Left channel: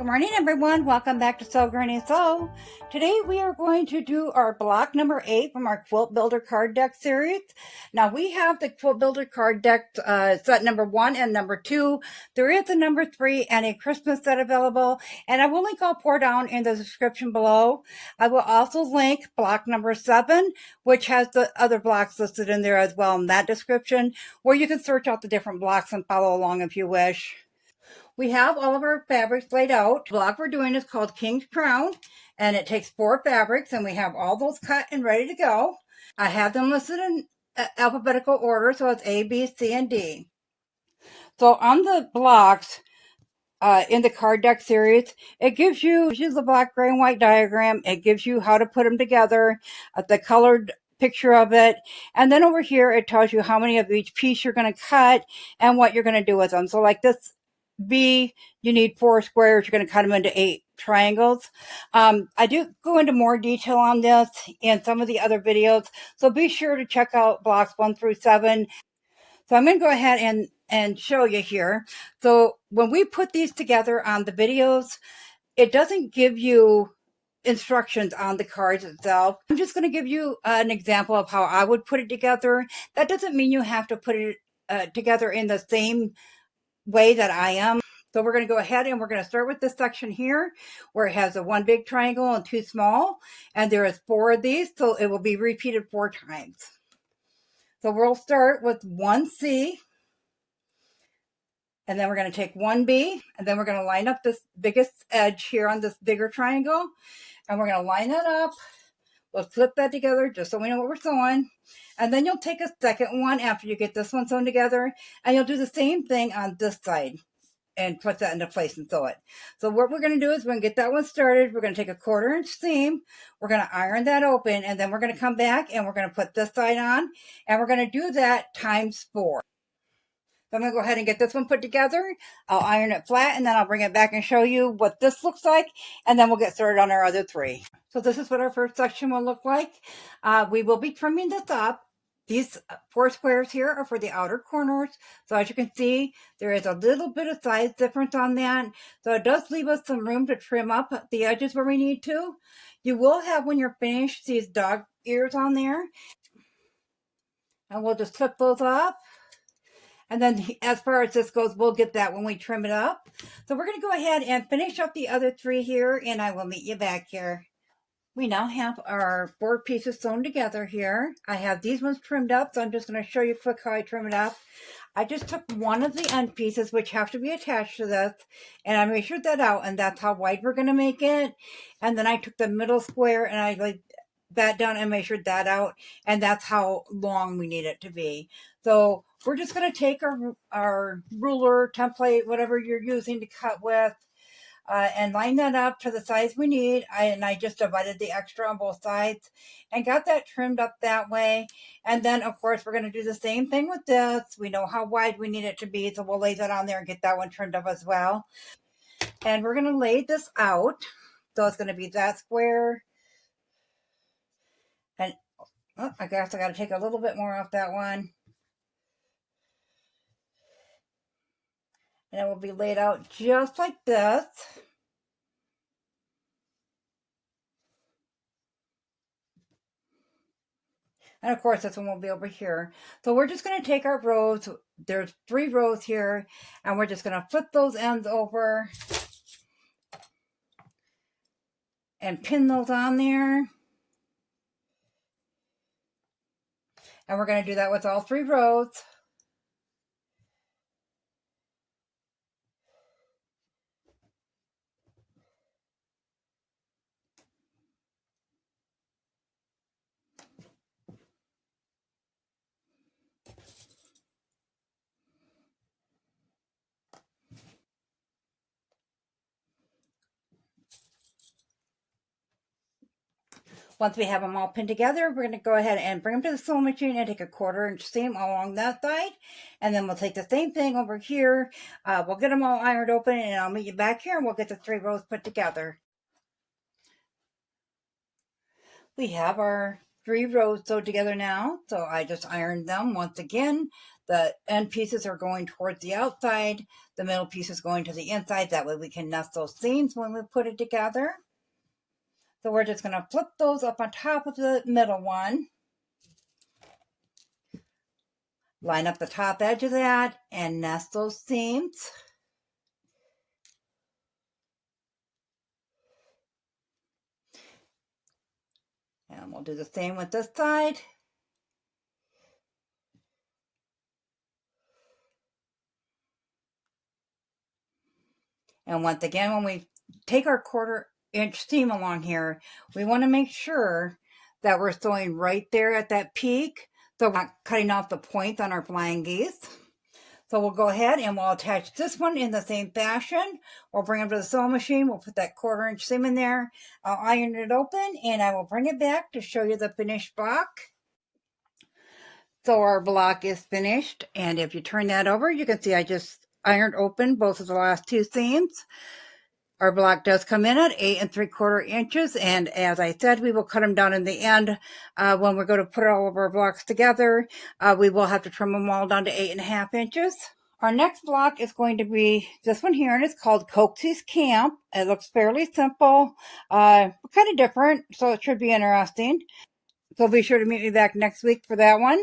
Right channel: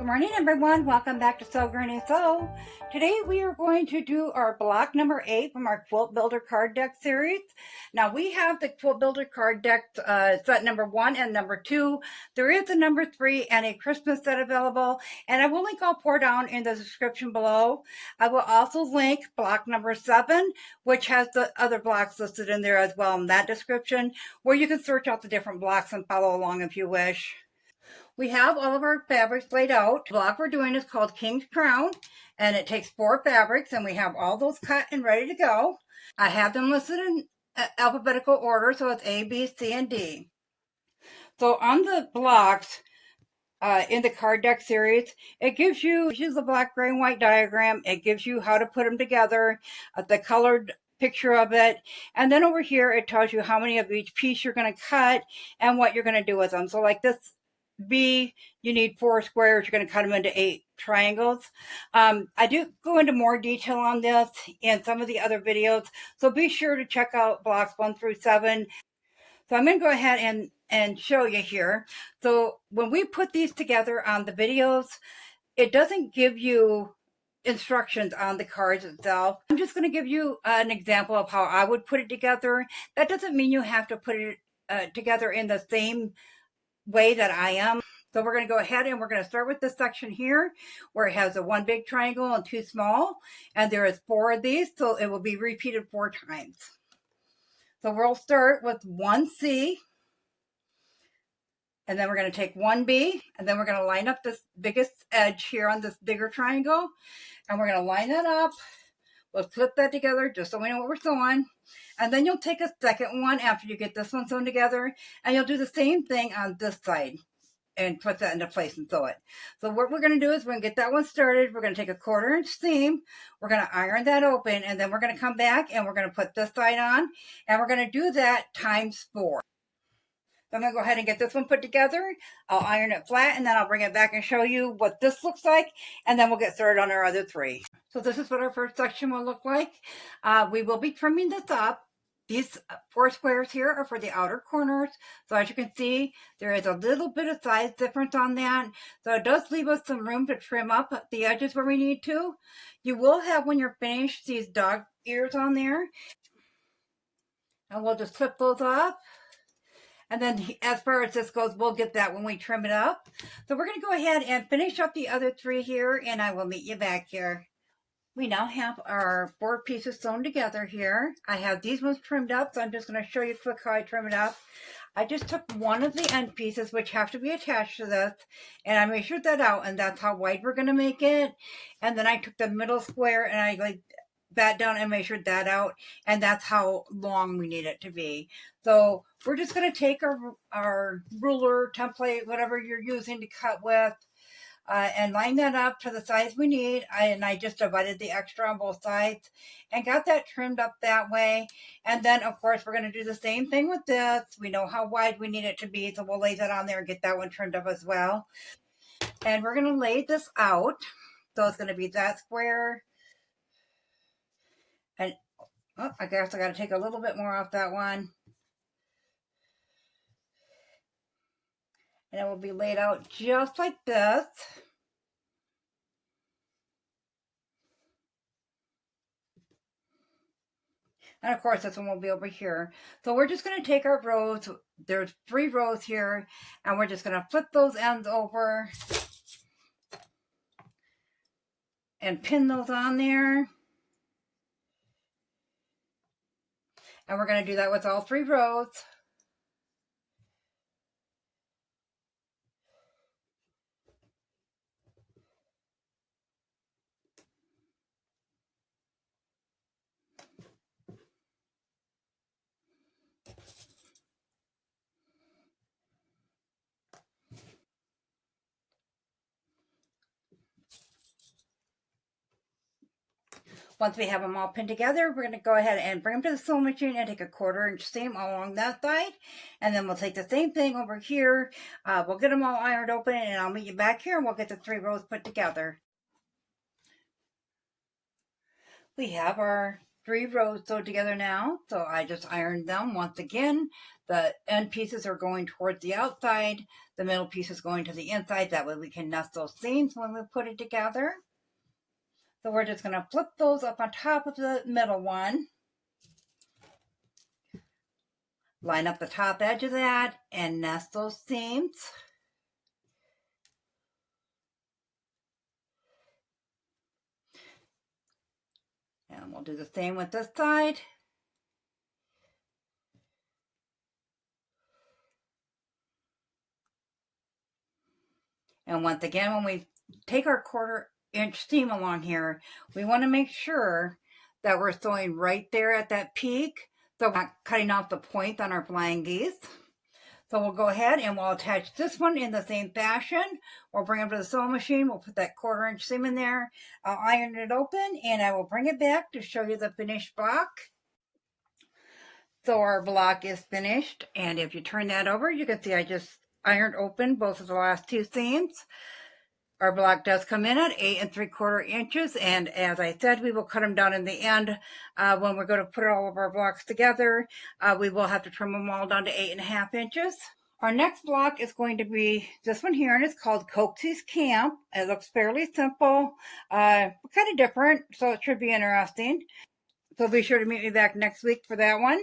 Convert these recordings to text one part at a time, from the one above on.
Good morning, everyone. Welcome back to Sew Granny Sew. Today we are going to do our block number 8 from our Quilt Builder card deck series. Now we have the Quilt Builder card deck set number 1 and number 2. There is a number 3 and a Christmas set available, and I will link all four down in the description below. I will also link block number 7, which has the other blocks listed in there as well in that description, where you can search out the different blocks and follow along if you wish. We have all of our fabrics laid out. The block we're doing is called King's Crown, and it takes 4 fabrics, and we have all those cut and ready to go. I have them listed in alphabetical order, so it's A, B, C, and D. So on the blocks in the card deck series, it gives you the black, gray, and white diagram. It gives you how to put them together, the colored picture of it, and then over here it tells you how many of each piece you're going to cut and what you're going to do with them. So like this B, you need 4 squares. You're going to cut them into 8 triangles. I do go into more detail on this in some of the other videos, so be sure to check out blocks 1 through 7. So I'm going to go ahead and show you here. So when we put these together on the videos, it doesn't give you instructions on the cards itself. I'm just going to give you an example of how I would put it together. That doesn't mean you have to put it together in the same way that I am. So we're going to go ahead and we're going to start with this section here where it has a 1 big triangle and 2 small, and there is 4 of these, so it will be repeated 4 times. So we'll start with 1C, and then we're going to take 1B, and then we're going to line up this biggest edge here on this bigger triangle, and we're going to line that up. We'll flip that together just so we know what we're sewing. And then you'll take a second one after you get this one sewn together, and you'll do the same thing on this side and put that into place and sew it. So what we're going to do is we're going to get that one started. We're going to take a 1/4 inch seam. We're going to iron that open, and then we're going to come back and we're going to put this side on, and we're going to do that times 4. So I'm going to go ahead and get this one put together. I'll iron it flat, and then I'll bring it back and show you what this looks like, and then we'll get started on our other 3. So this is what our first section will look like. We will be trimming this up. These 4 squares here are for the outer corners. So as you can see, there is a little bit of size difference on that. So it does leave us some room to trim up the edges where we need to. You will have, when you're finished, these dog ears on there. And we'll just clip those up. And then as far as this goes, we'll get that when we trim it up. So we're going to go ahead and finish up the other 3 here, and I will meet you back here. We now have our 4 pieces sewn together here. I have these ones trimmed up, so I'm just going to show you quick how I trim it up. I just took one of the end pieces, which have to be attached to this, and I measured that out, and that's how wide we're going to make it. And then I took the middle square, and I laid that down and measured that out, and that's how long we need it to be. So we're just going to take our ruler, template, whatever you're using to cut with, and line that up to the size we need. I just divided the extra on both sides and got that trimmed up that way. And then, of course, we're going to do the same thing with this. We know how wide we need it to be, so we'll lay that on there and get that one trimmed up as well. And we're going to lay this out. So it's going to be that square. And oh, I guess I got to take a little bit more off that one. And it will be laid out just like this. And of course, this one will be over here. So we're just going to take our rows. There's 3 rows here. And we're just going to flip those ends over. And pin those on there. And we're going to do that with all 3 rows. Once we have them all pinned together, we're going to go ahead and bring them to the sewing machine and take a 1/4 inch seam along that side. And then we'll take the same thing over here. We'll get them all ironed open, and I'll meet you back here, and we'll get the 3 rows put together. We have our 3 rows sewed together now. So I just ironed them once again. the end pieces are going towards the outside, the middle piece is going to the inside. That way we can nest those seams when we put it together. So we're just going to flip those up on top of the middle one. Line up the top edge of that and nest those seams. And we'll do the same with this side. And once again, when we take our 1/4-inch seam along here, we want to make sure that we're sewing right there at that peak, so we're not cutting off the point on our flying geese. So we'll go ahead and we'll attach this one in the same fashion. We'll bring it to the sewing machine. We'll put that 1/4-inch seam in there. I'll iron it open and I will bring it back to show you the finished block. So our block is finished, and if you turn that over, you can see I just ironed open both of the last 2 seams. Our block does come in at 8 3/4 inches, and as I said, we will cut them down in the end. When we're going to put all of our blocks together, we will have to trim them all down to 8 1/2 inches. Our next block is going to be this one here, and it's called Coxie's Camp. It looks fairly simple, kind of different, so it should be interesting. So be sure to meet me back next week for that one.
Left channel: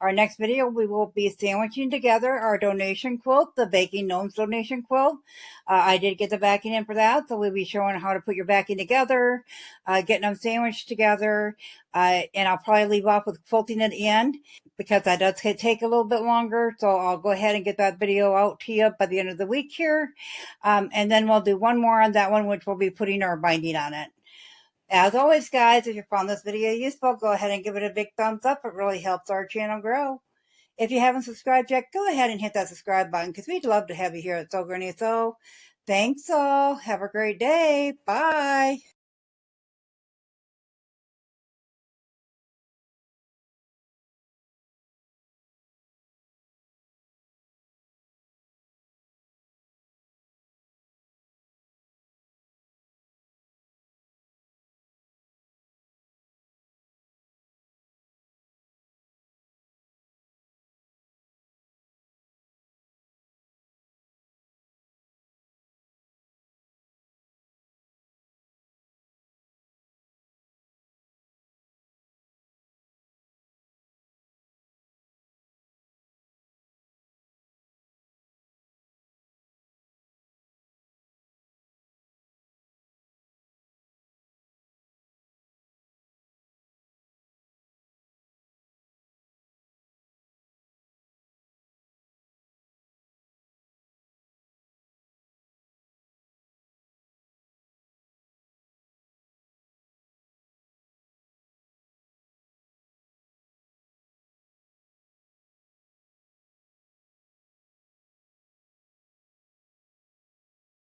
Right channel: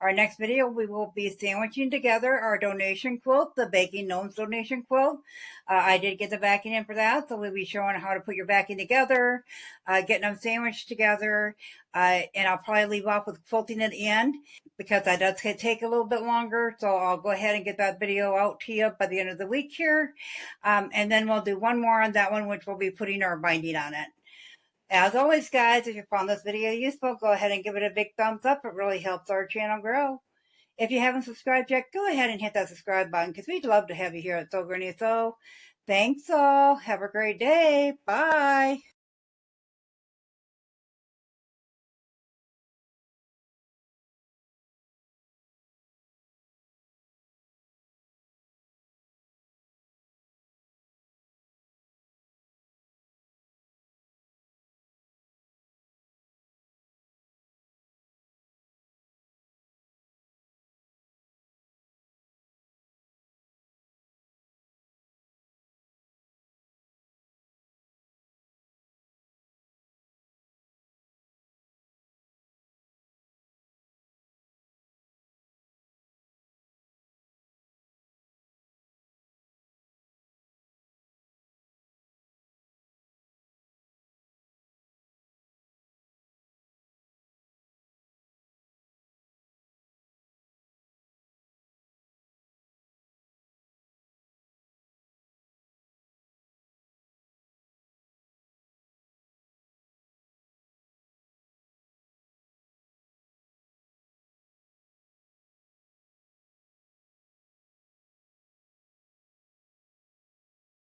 Our next video, we will be sandwiching together our donation quilt, the Baking Gnomes donation quilt. I did get the backing in for that, so we'll be showing how to put your backing together, getting them sandwiched together, and I'll probably leave off with quilting at the end because that does take a little bit longer, so I'll go ahead and get that video out to you by the end of the week here, and then we'll do one more on that one, which will be putting our binding on it. As always, guys, if you found this video useful, go ahead and give it a big thumbs up. It really helps our channel grow. If you haven't subscribed yet, go ahead and hit that subscribe button because we'd love to have you here at Sew Granny Sew. Thanks all. Have a great day. Bye.